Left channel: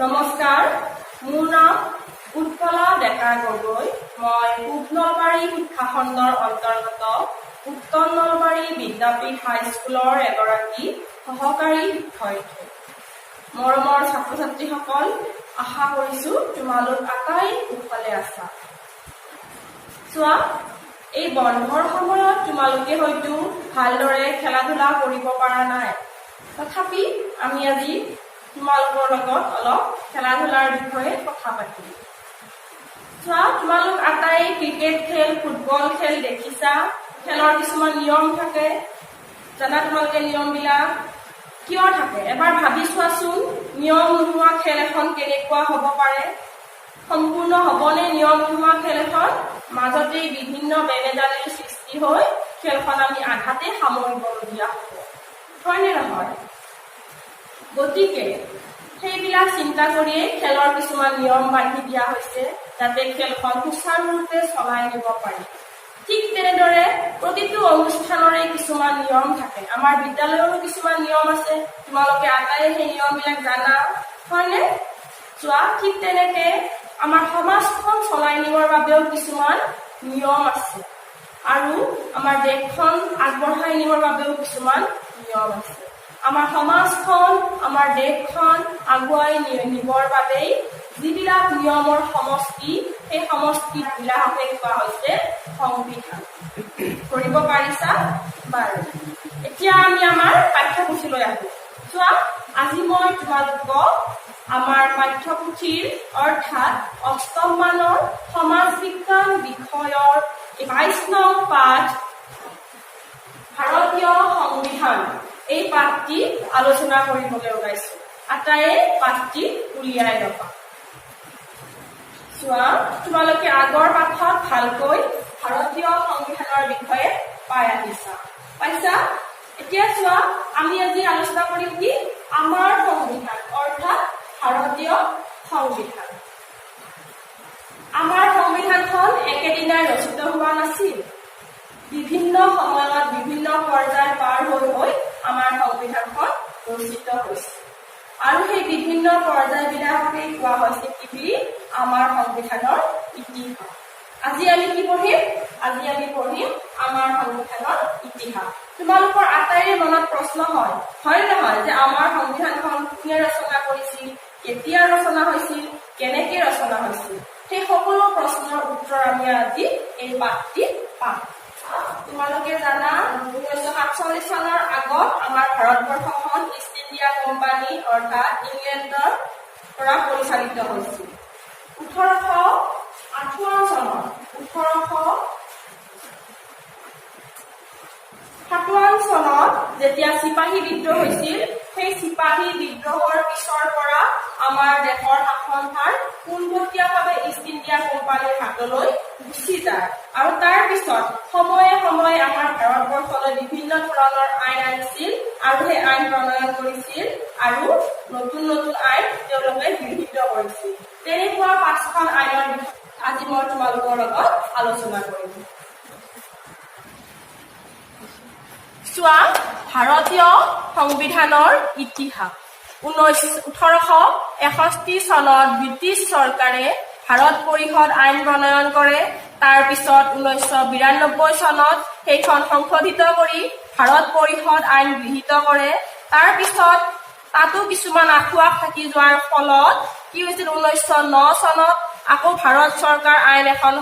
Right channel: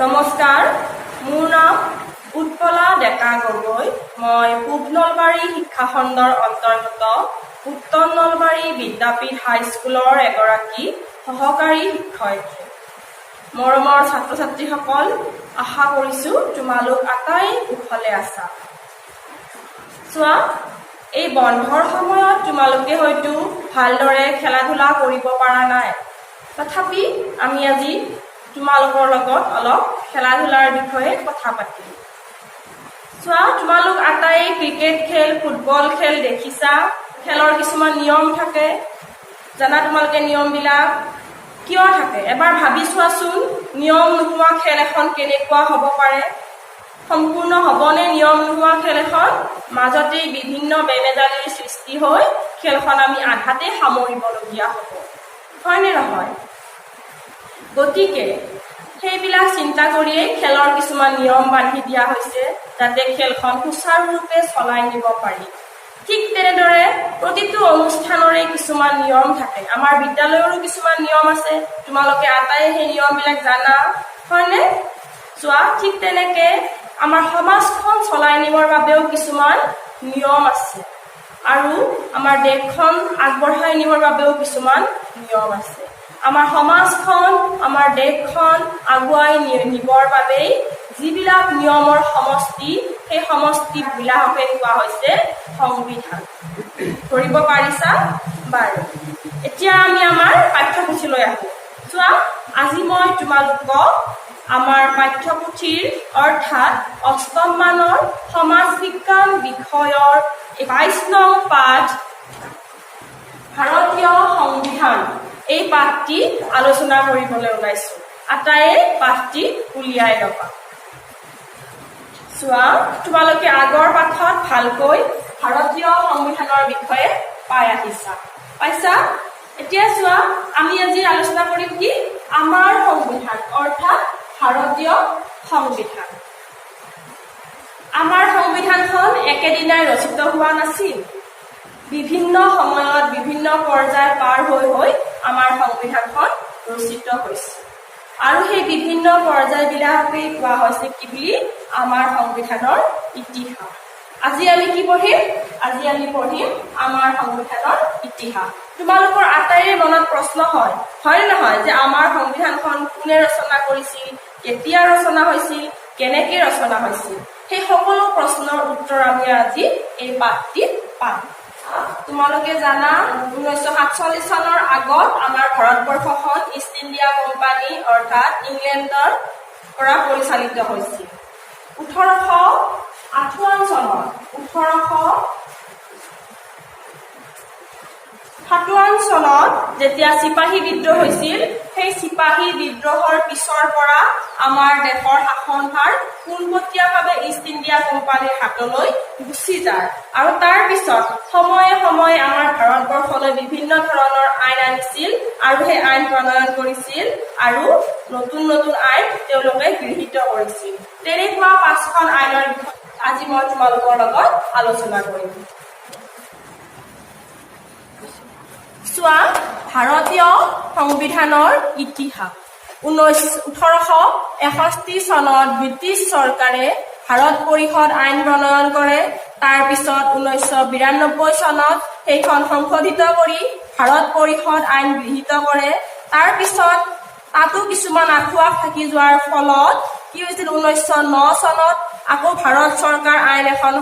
নমস্কাৰ, মোৰ নাম উৎপলা ডেকা গগৈ। মই পূব নলবাৰী শিক্ষাখণ্ডৰ অন্তৰ্গত উত্তৰ নলবাৰী বিদ্যাপীঠ হাইস্কুলৰ এগৰাকী সহকাৰী শিক্ষয়িত্ৰী। মৰমৰ ছাত্ৰ ছাত্ৰীসকল, আশা কৰিছোঁ তোমালোক আটাই কুশলে আছা। চোৱা, এই বন্ধৰ সময়ত তোমালোকে হয়তো ভালদৰে খেলা ধূলা কৰিব পৰা নাই। তথাপি আমি আজি তোমালোকৰ লগত অলপ খেলা ধূলাৰ বিষয়ে কথা পাতিম। চোৱা, তোমালোক আটাই ক্ৰিকেট খেল, ফুটবল খেল দেখিছা। খেলৰ কিছুমান নিয়ম থাকে, জানা তোমালোকে নিয়মবিলাক কিয় থাকে? এবাৰ ভাবি চোৱাচোন, নিয়ম নোহোৱা খেল এখন কেনেকুৱা হ'ব পাৰে? সম্পূৰ্ণ হ'বনে নিয়ম নোহোৱা খেল এখন? মাজতেই বিভিন্ন বেমেজালিৰ সৃষ্টি হৈ খেলখন আমি আধাতে সামৰিবলগীয়া হ'ব, হয়নে নহয়? গতিকে সেইবিলাক চিন্তা কৰিয়েই খেলৰ কিছুমান নিয়ম বান্ধি দিয়া হৈছে, যাতে খেলখন সুচাৰুৰূপে চলাই নিব পাৰি। ঠিক তেনেদৰে প্ৰতিটো অনুষ্ঠানৰে কিছুমান নিয়ম থাকে। আমাৰ বিদ্যালয়ৰো কিছুমান নিয়ম আছে, তোমালোকে আটাই সেই নিয়মবিলাক জানা, হয়নে? চোৱা, ঠিক তেনেকে আমাৰ সমাজখন চলাই নিবৰ বাবেও কিছুমান নিয়ম আছে, আৰু আমাৰ দেশখন আগবঢ়াই নিবৰ বাবেও কিছুমান নিয়ম আছে। আমাৰ সমাজখন, আমাৰ দেশখন আগুৱাই নিবৰ বাবেই যিবিলাক নিয়মৰ সমষ্টি, সেই সমষ্টিবিলাককে কোৱা হৈছে সংবিধান। ধৰিব পাৰিছা? বাৰু, এতিয়া আমি আমাৰ পাঠ্যপুথিলৈ আহোঁ। চোৱা, আজি মই তোমালোকক আমাৰ পাঠ্যপুথিৰ অৰ্থাৎ অষ্টম মানৰ সমাজ বিজ্ঞান বিষয়ৰ 22 নং পাঠ ভাৰতীয় সংবিধান, এই পাঠটি আলোচনা কৰিবলৈ ওলাইছো। আটাইয়ে পাঠটি উলিয়াই ল'বা। চোৱা, তোমালোকে আগৰ পাঠত ভালকৈ ভাৰতীয় সংবিধানৰ বিষয়ে পাই আহিছা, পাইছা? এতিয়া চোৱা, আমি আজি আলোচনা কৰিম কি? আমাৰ সংবিধান অৰ্থাৎ ভাৰতীয় সংবিধান। আমাৰ সংবিধানখন একেদিনাই ৰচিত হোৱা নাছিল। বিভিন্ন সময়ত বিভিন্ন পৰ্যায় পাৰ হৈ আমাৰ সংবিধানখন ৰচিত হৈছে, আৰু সেই বিভিন্ন পৰ্যায়বিলাকেই কোৱা হৈছে কি বুলি? আমাৰ সংবিধানৰ ইতিহাস। আজি আমি কি পঢ়িম? আজি আমি পঢ়িম আমাৰ সংবিধানৰ ইতিহাস। তোমালোকৰ আটাইৰে মনত প্ৰশ্ন হয় নে নহয়, যে আমাৰ সংবিধানখন কোনে ৰচনা কৰিছিল, কেতিয়া ৰচনা হৈছিল, কেনেকে ৰচনা হৈছিল? সেই সকলো প্ৰশ্নৰ উত্তৰ আমি আজি এই পাঠটিত পাম। তোমালোকে জানা, 1947 চনৰ আগত আমাৰ ভাৰতবৰ্ষখন ইষ্ট ইণ্ডিয়া কোম্পানী অৰ্থাৎ ইংলেণ্ডৰ পৰা পৰিচালিত হৈছিল। 1858 চনত যেতিয়া চিপাহী বিদ্ৰোহ হৈছিল, সেই চিপাহী বিদ্ৰোহৰ পিছৰ পৰা আমাৰ দেশৰ শাসনভাৰ পোনপটীয়াভাৱে ইষ্ট ইণ্ডিয়া কোম্পানীৰ হাতলৈ গুচি যায়, আৰু তাৰ পিছত সময়ে সময়ে আমাৰ ভাৰতবৰ্ষলৈ বিভিন্ন ধৰণৰ আইন আনিছিল, আৰু সেই আইন প্ৰণয়ন কৰিছিল, আৰু নতুন নতুন আইন তেওঁলোকে গৃহীত কৰিছিল। তেনেকুৱা 5খন আইনৰ বিষয়ে আজি মই তোমালোকৰ লগত আলোচনা কৰিম। চোৱা, ভাৰতীয় সংবিধানৰ ইতিহাস। 1861 চনত ব্ৰিটিছ চৰকাৰে ভাৰত পৰিষদ আইন প্ৰণয়ন কৰে। তাৰ পিছত 1992 চনত সেইখন সংশোধিত কৰি ভাৰত পৰিষদ আইন গৃহীত কৰে। তাৰ পিছত তাতো কিছুমান আঁঠুৱা থাকি যোৱাৰ ফলত কি হৈছিল? 1909 চনত আকৌ ভাৰত চৰকাৰ আইন এখন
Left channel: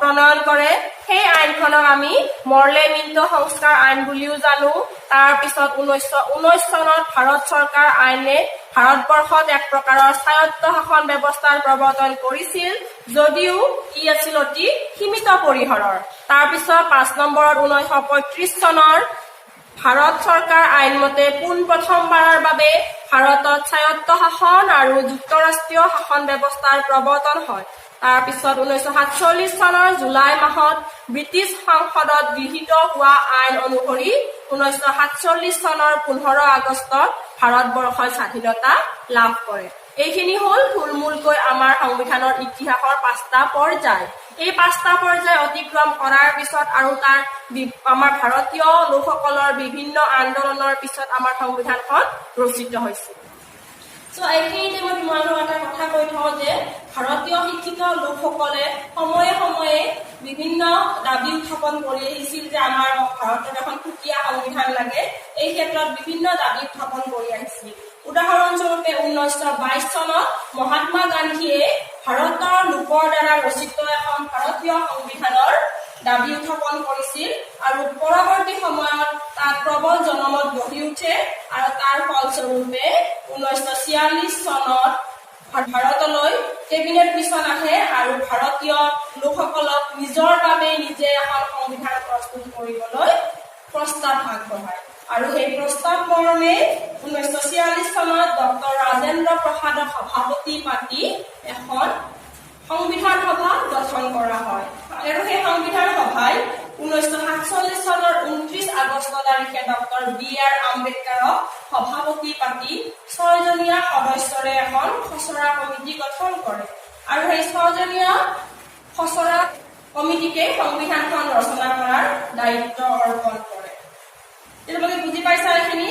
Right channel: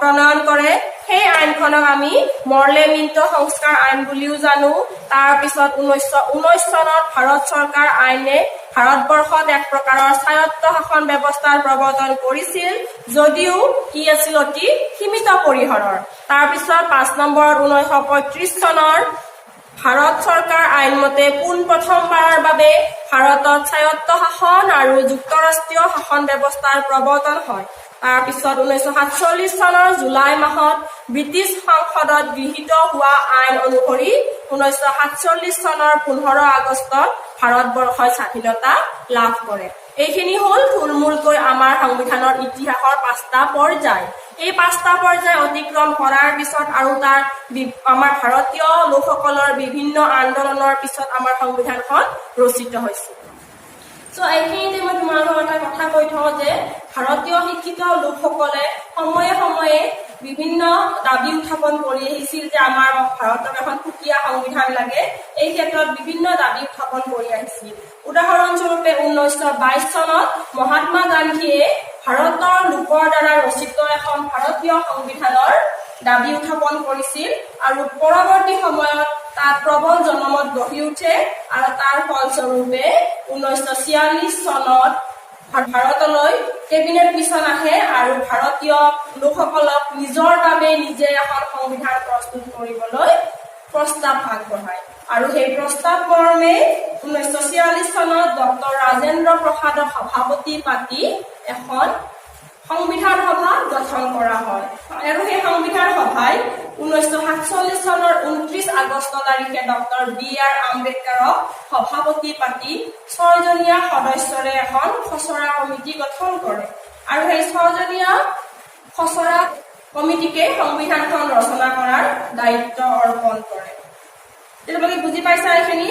প্ৰণয়ন কৰে। সেই আইনখনক আমি মৰ্লে মিণ্টো সংস্কাৰ আইন বুলিও জানো। তাৰ পিছত 1919 চনত ভাৰত চৰকাৰ আইনে ভাৰতবৰ্ষত এক প্ৰকাৰৰ স্বায়ত্ত শাসন ব্যৱস্থাৰ প্ৰৱৰ্তন কৰিছিল, যদিও ই আছিল অতি সীমিত পৰিসৰৰ। তাৰ পিছত 5 নম্বৰত 1935 চনৰ ভাৰত চৰকাৰ আইন মতে পোনপ্ৰথমবাৰৰ বাবে ভাৰতত স্বায়ত্ত শাসন আৰু যুক্তৰাষ্ট্ৰীয় শাসন ব্যৱস্থাৰ প্ৰৱৰ্তন হয়। তাৰ পিছত 1947 চনৰ জুলাই মাহত ব্ৰিটিছ সংসদত গৃহীত হোৱা আইন অনুসৰি 1947 চনৰ 15 আগষ্টত ভাৰতবৰ্ষই স্বাধীনতা লাভ কৰে। এইখিনি হ'ল থুলমূলকৈ আমাৰ সংবিধানৰ ইতিহাসৰ 5টা পৰ্যায়। এই 5টা পৰ্যায় অতিক্ৰম কৰাৰ পিছত আৰু তাৰ আমাৰ ভাৰতীয় লোকসকলৰ বিভিন্ন আন্দোলনৰ পিছত আমাৰ সংবিধানখন ৰচিত হৈছিল। So, এইখিনিতে মই তোমালোকৰ কথা কৈ থওঁ যে ভাৰতীয় শিক্ষিত লোকসকলে সময়ে সময়ে বিভিন্ন দাবী উত্থাপন কৰি আহিছিল যে আমাৰ ভাৰতক এখন সুকীয়া সংবিধান লাগে। এই ক্ষেত্ৰত বিভিন্ন দাবী উত্থাপন কৰি আহিছিল। উদাহৰণস্বৰূপে 1922 চনত মহাত্মা গান্ধীয়ে ভাৰতৰ লোকৰ দ্বাৰা ৰচিত এখন ভাৰতীয় সংবিধানৰ দাবী উত্থাপন কৰিছিল আৰু পৰৱৰ্তী সময়ত তাত প্ৰবল জনমত গঢ়ি উঠে আৰু তাৰ ফলস্বৰূপে 1946 চনত ভাৰতলৈ কেবিনেট মিছন আহে আৰু ভাৰতীয় লোকসকলক নিজৰ বাবে নিজে এখন সংবিধান প্ৰস্তুত কৰিবলৈ প্ৰস্তাৱ আগবঢ়ায় আৰু সেই প্ৰস্তাৱ মৰ্মে 1946 চনত ডক্টৰ ৰাজেন্দ্ৰ প্ৰসাদক সভাপতি পাতি এখন সংবিধান সভা গঠন কৰা হয় আৰু সেই সংবিধান সভাই 1947 চনৰ 29 আগষ্ট তাৰিখে ডক্টৰ বি.আৰ. আম্বেদকাৰক সভাপতি পাতি 6জনীয়া সদস্যৰে এখন খচৰা কমিটি গঠন কৰে আৰু সেই 6জনীয়া খচৰা কমিটিকে সংবিধানখন ৰচনা কৰাৰ দায়িত্ব অৰ্পণ কৰে। তোমালোকে বুজি পাইছা এইখিনি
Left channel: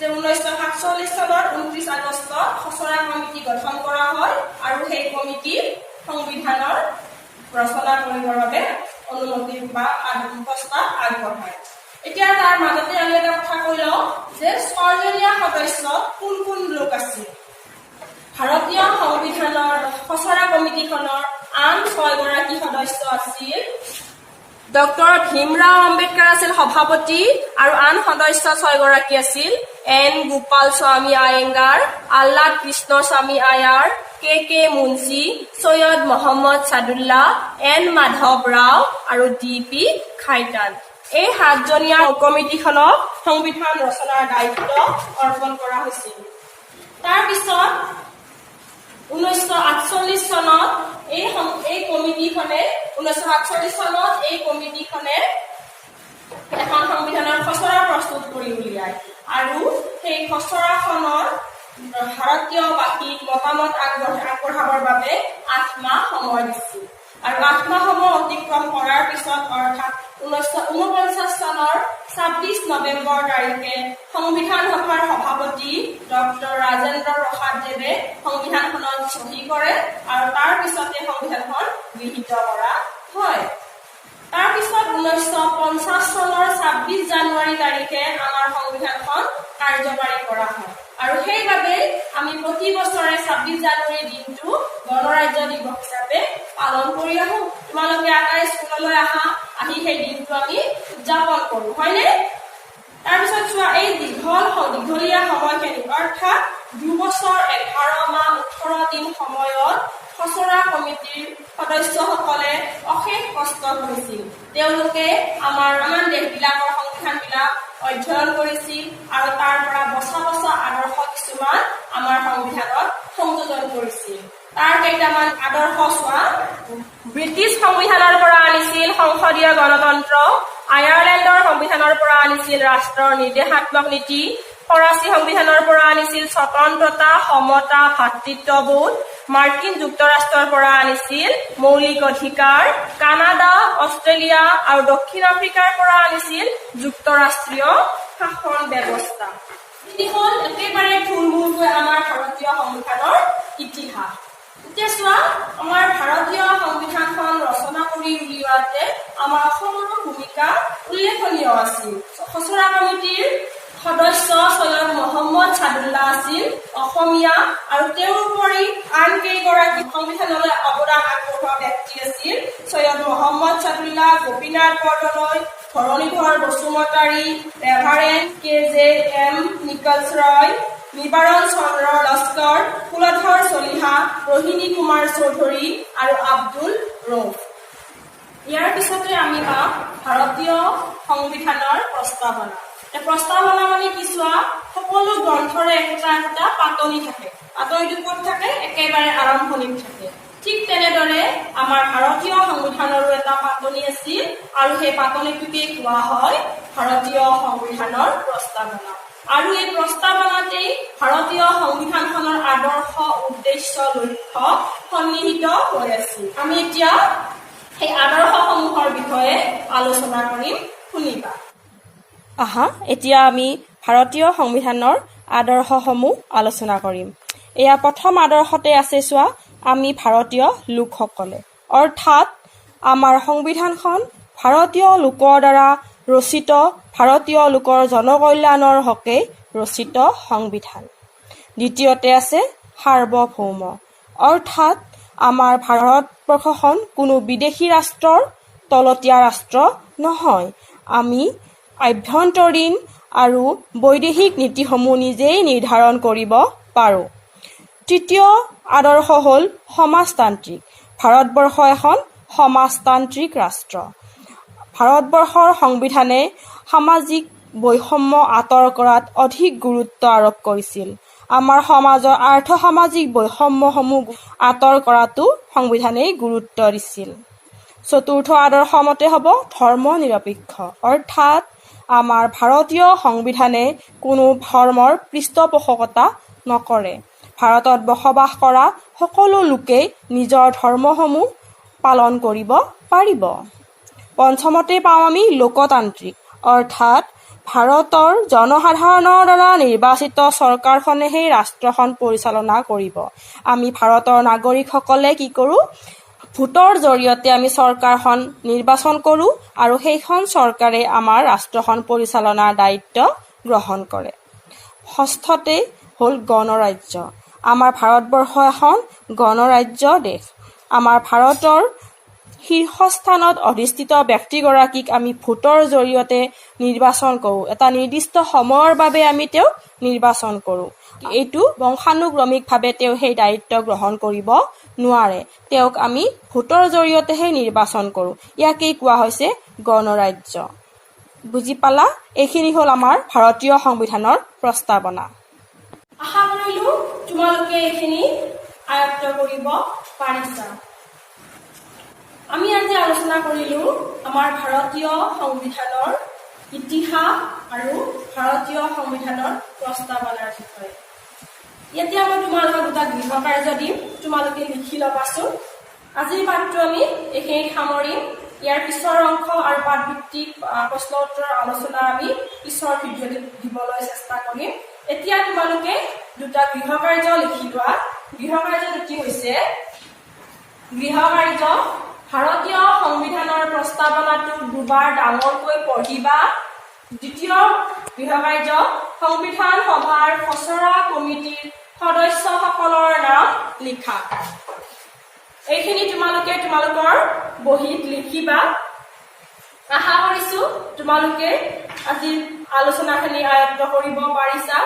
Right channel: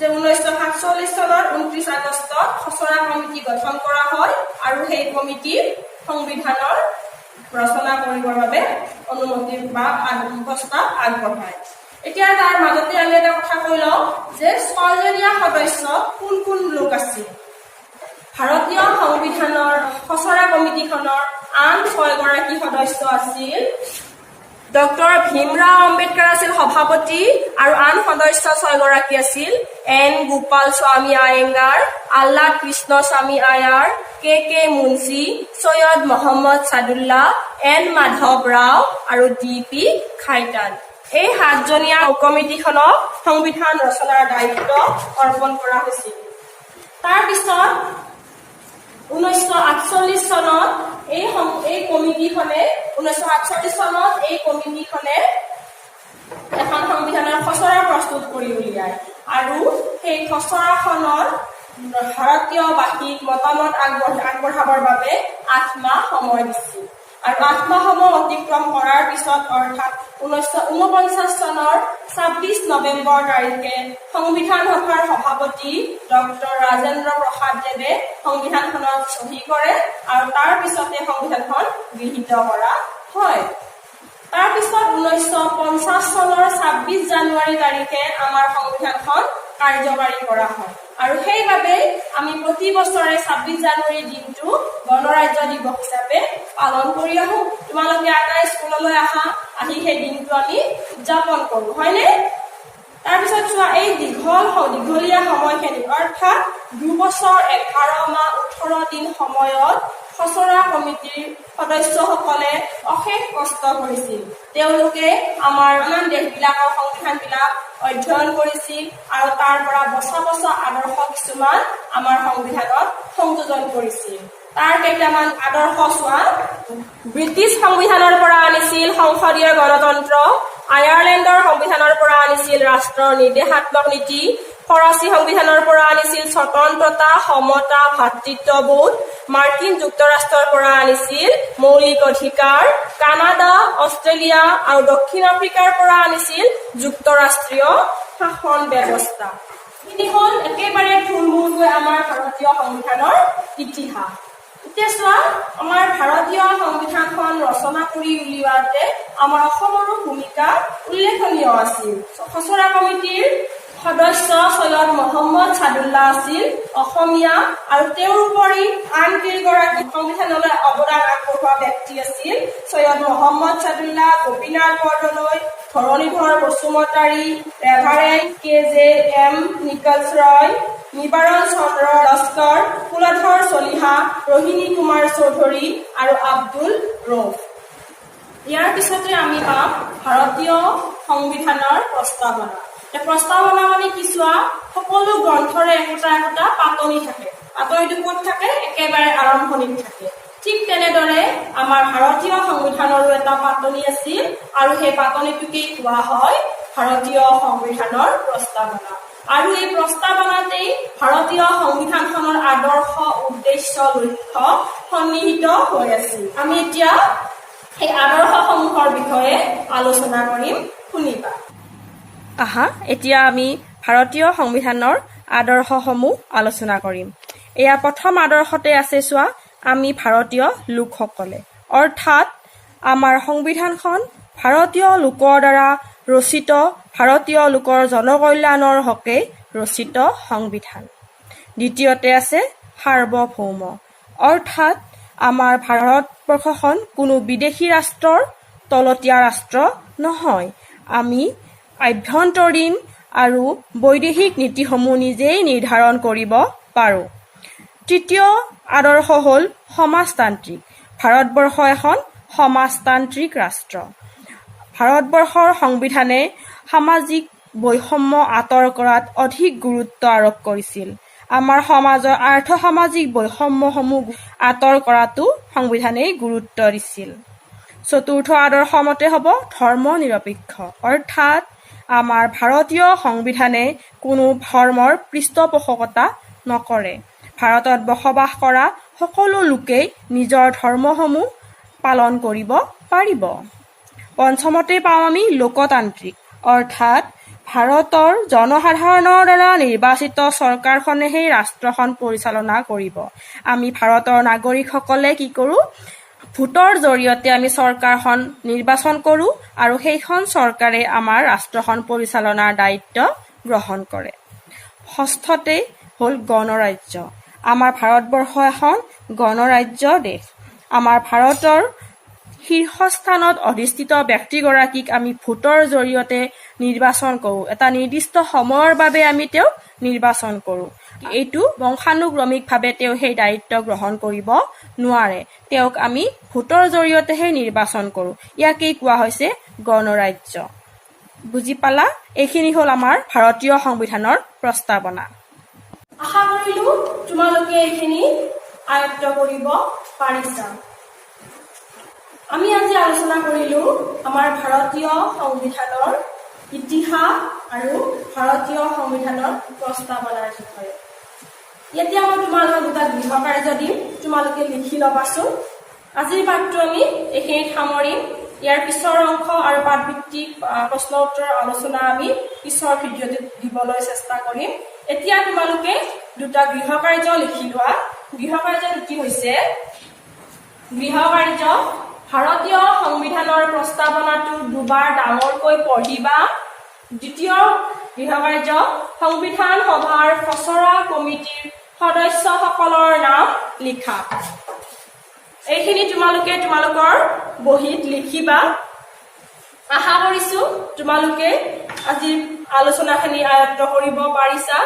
যে 1947 চনৰ 29 আগষ্টত খচৰা কমিটি গঠন কৰা হয় আৰু সেই কমিটি সংবিধানৰ ৰচনা কৰিবৰ বাবে অনুমতি বা প্ৰস্তাৱ আগবঢ়ায়। এতিয়া তাৰ মাজতে আমি এটা কথা কৈ লওঁ যে 6জনীয়া সদস্যত কোন কোন লোক আছিল। ভাৰতীয় সংবিধানৰ খচৰা কমিটিখনৰ আন 6গৰাকী সদস্য আছিল। ডক্টৰ ভীমৰাও আম্বেদকাৰ আছিল সভাপতি আৰু আন সদস্য 6গৰাকী আছিল এন গোপাল স্বামী আয়েংগাৰ, আহ্লাদ কৃষ্ণ স্বামী আয়াৰ, কে মুন্সী, সৈয়দ মহম্মদ ছাদুল্লাহ, এন মাধৱ ৰাও আৰু ডি.পি. খাইতান। এই 7জনীয়া কমিটিখনক সংবিধান ৰচনাৰ দায়িত্ব অৰ্পণ কৰা হৈছিল। তাৰপিছত 1948 চনত এই কমিটিখনে এখন সংবিধানৰ খচৰা প্ৰস্তুত কৰি উলিয়ায় আৰু সেই খচৰাখনৰ ভাৰতীয়বাসীক মতামত আগবঢ়াবৰ বাবে 8 মাহ সময় দিছিল আৰু 8 মাহ সময় অতিক্ৰম কৰাৰ পিছত অৰ্থাৎ 1949 চনৰ 26 নৱেম্বৰ তাৰিখে সংবিধান সভাৰ সভাপতি ডক্টৰ ৰাজেন্দ্ৰ প্ৰসাদ দেৱে সংবিধানখনত চহী কৰে আৰু তাৰ পিছতে সংবিধানখন গৃহীত কৰা হয়। তাৰপিছত 1950 চনৰ 26 জানুৱাৰী তাৰিখে আমাৰ সংবিধানখন কাৰ্যকাৰী কৰা হয় আৰু সেইবাবে আমি প্ৰতি বছৰে 26 জানুৱাৰী দিনটো গণৰাজ্য দিৱস হিচাপে পালন কৰি আহো। তোমালোকে আটাই স্কুললৈ আহি সেই দিনটো আমি উদযাপন কৰো, হয়নে? তাৰপিছত চোৱা, এই দীঘলীয়া সময়খিনি অৰ্থাৎ 2 বছৰ 11 মাহ 18 দিন সময়ত খচৰা কমিটিৰ সদস্যসকলে অশেষ কষ্ট কৰিছিল। তেওঁলোকে আমাৰ আন দেশবিলাকৰ সংবিধানবিলাক অধ্যয়ন কৰিছিল আৰু তাৰ পৰা বছা আদৰ্শ কিছুমান আমাৰ সংবিধানত সংযোজন কৰিছিল। তাৰ কেইটামান আদৰ্শ চোৱা। ব্ৰিটিছ সংবিধানৰ পৰা আনিছিল সংসদীয় গণতন্ত্ৰ, আয়াৰলেণ্ডৰ সংবিধানৰ পৰা আনিছিল ৰাষ্ট্ৰৰ নিৰ্দেশাত্মক নীতি, ফৰাচী সংবিধানৰ পৰা আনিছিল স্বতন্ত্ৰতা, সমতা, ভাতৃত্ববোধ, মাৰ্কিন যুক্তৰাষ্ট্ৰৰ পৰা আনিছিল মৌলিক অধিকাৰ, কানাডা, অষ্ট্ৰেলিয়া আৰু দক্ষিণ আফ্ৰিকাৰ পৰা আনিছিল যুক্তৰাষ্ট্ৰীয় শাসন ব্যৱস্থা। তিনিখন একেবাৰে থুলমূলকৈ আমাৰ ভাৰতীয় সংবিধানৰ ইতিহাস। এতিয়া চোৱা, আমাৰ ভাৰতীয় সংবিধানখন ৰচনা কৰি উলিওৱাতে আমাৰ অসমৰো ভূমিকা উল্লেখনীয় আছিল। খচৰা কমিটিৰ সদস্য সৈয়দ মহম্মদ ছাদুল্লাহ আছিল অসমীয়া আৰু তেওঁৰ উপৰি আন কেইগৰাকী সংবিধানলৈ অৱদান আগবঢ়োৱা ব্যক্তি আছিল সৈয়দ মহম্মদ ছাদুল্লাহ, গোপীনাথ বৰদলৈ, ধৰণীধৰ বসুমতাৰী, ৰেভাৰেণ্ড K.J.M. নিকলছ ৰয়, নিবাৰণ চন্দ্ৰ লস্কৰ, কুলধৰ চলিহা, ৰোহিণী কুমাৰ চৌধুৰী আৰু আব্দুল ৰৌফ। ইয়াৰ পিছতে আমি পাম ভাৰতীয় সংবিধানৰ প্ৰস্তাৱনা। প্ৰস্তাৱনা মানে কি চোৱা, সকলো গ্ৰন্থৰে একোটা পাতনি থাকে। পাতনিটো ক'ত থাকে? একেবাৰে আৰম্ভণিত থাকে। ঠিক তেনেদৰে আমাৰ ভাৰতীয় সংবিধানৰো এটা পাতনি আছিল আৰু সেই পাতনিটোকে কোৱা হয় ভাৰতীয় সংবিধানৰ প্ৰস্তাৱনা। আৰু এই প্ৰস্তাৱনাতেই ভাৰতীয় সংবিধানখনৰ আদৰ্শ, উদ্দেশ্য, লক্ষ্য সন্নিহিত হৈ আছিল। আমি এতিয়া সেই আদৰ্শসমূহৰ বিষয়ে আলোচনা কৰিম, শুনিবা। এতিয়া আমি ভাৰতীয় সংবিধানৰ আদৰ্শসমূহ আলোচনা কৰিম। এয়া প্ৰথম আদৰ্শতে আছে চোৱা, আমি ভাৰতীয় লোকসকলে, অৰ্থাৎ আমাৰ সংবিধানখন ভাৰতীয় লোকৰ দ্বাৰা ৰচিত, ভাৰতীয় লোকৰ জনকল্যাণৰ হকে ৰচিত সংবিধান। দ্বিতীয়তে আছে সাৰ্বভৌম, অৰ্থাৎ আমাৰ ভাৰতবৰ্ষখন কোনো বিদেশী ৰাষ্ট্ৰৰ তলতীয়া ৰাষ্ট্ৰ নহয়। আমি আভ্যন্তৰীণ আৰু বৈদেশিক নীতিসমূহ নিজেই নিৰ্ধাৰণ কৰিব পাৰোঁ। তৃতীয় আদৰ্শ হ'ল সমাজতান্ত্ৰিক। ভাৰতবৰ্ষ এখন সমাজতান্ত্ৰিক ৰাষ্ট্ৰ। ভাৰতবৰ্ষৰ সংবিধানে সামাজিক বৈষম্য আঁতৰ কৰাত অধিক গুৰুত্ব আৰোপ কৰিছিল। আমাৰ সমাজৰ আৰ্থ-সামাজিক বৈষম্যসমূহ আঁতৰ কৰাতো সংবিধানে গুৰুত্ব দিছিল। চতুৰ্থ আদৰ্শ মতে হ'ব ধৰ্ম নিৰপেক্ষ, অৰ্থাৎ আমাৰ ভাৰতীয় সংবিধানে কোনো ধৰ্মৰ পৃষ্ঠপোষকতা নকৰে। ভাৰতত বসবাস কৰা সকলো লোকেই নিজৰ ধৰ্মসমূহ পালন কৰিব পাৰিব। পঞ্চমতে পাওঁ আমি লোকতান্ত্ৰিক, অৰ্থাৎ ভাৰতৰ জনসাধাৰণৰ দ্বাৰা নিৰ্বাচিত চৰকাৰখনেহে ৰাষ্ট্ৰখন পৰিচালনা কৰিব। আমি ভাৰতৰ নাগৰিকসকলে কি কৰোঁ? ভোটৰ জৰিয়তে আমি চৰকাৰখন নিৰ্বাচন কৰোঁ আৰু সেইখন চৰকাৰে আমাৰ ৰাষ্ট্ৰখন পৰিচালনাৰ দায়িত্ব গ্ৰহণ কৰে। ষষ্ঠতে হ'ল গণৰাজ্য। আমাৰ ভাৰতবৰ্ষ এখন গণৰাজ্য দেশ। আমাৰ ভাৰতৰ শীৰ্ষস্থানত অধিষ্ঠিত ব্যক্তিগৰাকীক আমি ভোটৰ জৰিয়তে নিৰ্বাচন কৰোঁ। এটা নিৰ্দিষ্ট সময়ৰ বাবে আমি তেওঁক নিৰ্বাচন কৰোঁ। এইটো বংশানুক্ৰমিকভাৱে তেওঁ সেই দায়িত্ব গ্ৰহণ কৰিব নোৱাৰে। তেওঁক আমি ভোটৰ জৰিয়তেহে নিৰ্বাচন কৰোঁ। ইয়াকেই কোৱা হৈছে গণৰাজ্য। বুজি পালা? এইখিনি হ'ল আমাৰ ভাৰতীয় সংবিধানৰ প্ৰস্তাৱনা। আশা কৰিলোঁ তোমালোকে এইখিনি আয়ত্ত কৰিব পাৰিছা। আমি আজি আলোচনা কৰিলোঁ আমাৰ ভাৰতীয় সংবিধানৰ ইতিহাস আৰু ভাৰতীয় সংবিধানৰ প্ৰস্তাৱনাৰ বিষয়ে। এতিয়া মই তোমালোকক দুটা গৃহ কাৰ্য দিম, তোমালোকে লিখি ল'বাচোন। আজিৰ পাঠটো আমি এইখিনিত সামৰিম। ইয়াৰ পিছৰ অংশ আৰু পাঠভিত্তিক প্ৰশ্ন উত্তৰ আলোচনা আমি পিছৰ ভিডিঅ'টোত দিবলৈ চেষ্টা কৰিম। এতিয়া তোমালোকে দুটা গৃহ কাৰ্য লিখি লোৱা। গৃহ কাৰ্য দুটি হৈছে, গৃহ কাৰ্য ভাৰতীয় সংবিধানৰ প্ৰস্তাৱনাটো দুবাৰ ডাঙৰকৈ পঢ়িবা। দ্বিতীয় গৃহ কাৰ্য সংবিধান সভাৰ খচৰা কমিটিৰ সদস্যসকলৰ নাম লিখা। এইখিনি তোমালোকে তোমালোকৰ বহীত লিখিবা। আশা কৰিছো তোমালোকে আজিৰ আলোচনাখিনি আয়ত্ত কৰিব পাৰিছা।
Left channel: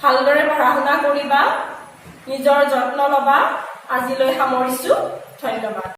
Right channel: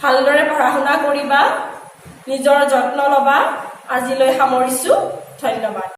ভালদৰে পঢ়া শুনা কৰিবা, নিজৰ যত্ন ল'বা। আজিলৈ সামৰিছো। ধন্যবাদ।